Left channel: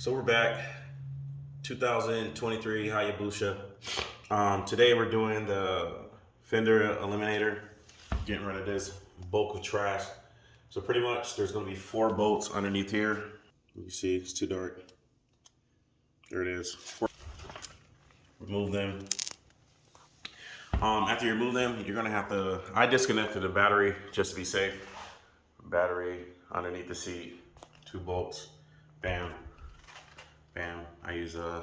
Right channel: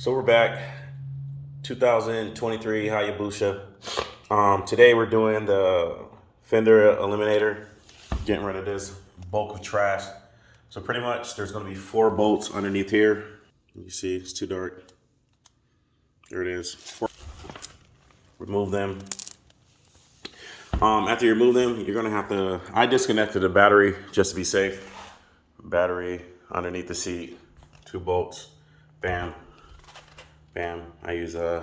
So we're back, 2023 Hayabusa. Today we're doing the fender eliminator, getting rid of this bulk of trash. So pretty much there's gonna be 4 bolts underneath here. You see it's too dark. There it is. Remove them. After you remove them, you're gonna have to, I disconnected the battery just to be safe. Battery underneath the seat, 2 bolts, bam. Bam. I use a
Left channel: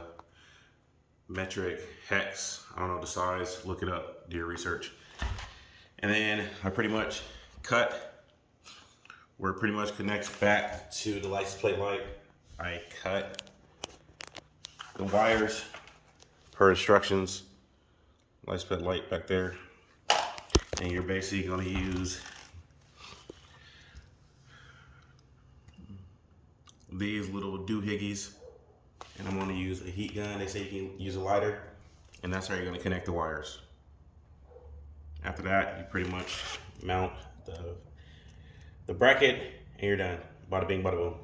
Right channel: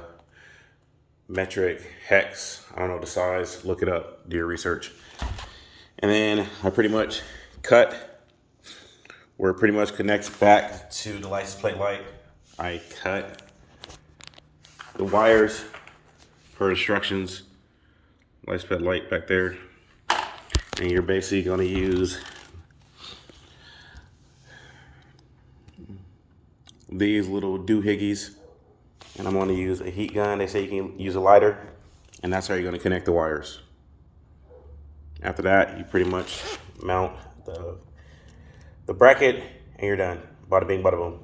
metric hex. I don't know the size. Look it up. Do your research. And then I pretty much cut where it pretty much connects back to the license plate light. I cut the wires per instructions. License plate light back there. And you're basically going to use these little doohickeys. And I'm going to use a heat gun. They say you can use a lighter, and that's how you're going to connect the wires. After that, you pretty much mount the bracket, and you're done. Bada bing, bada boom.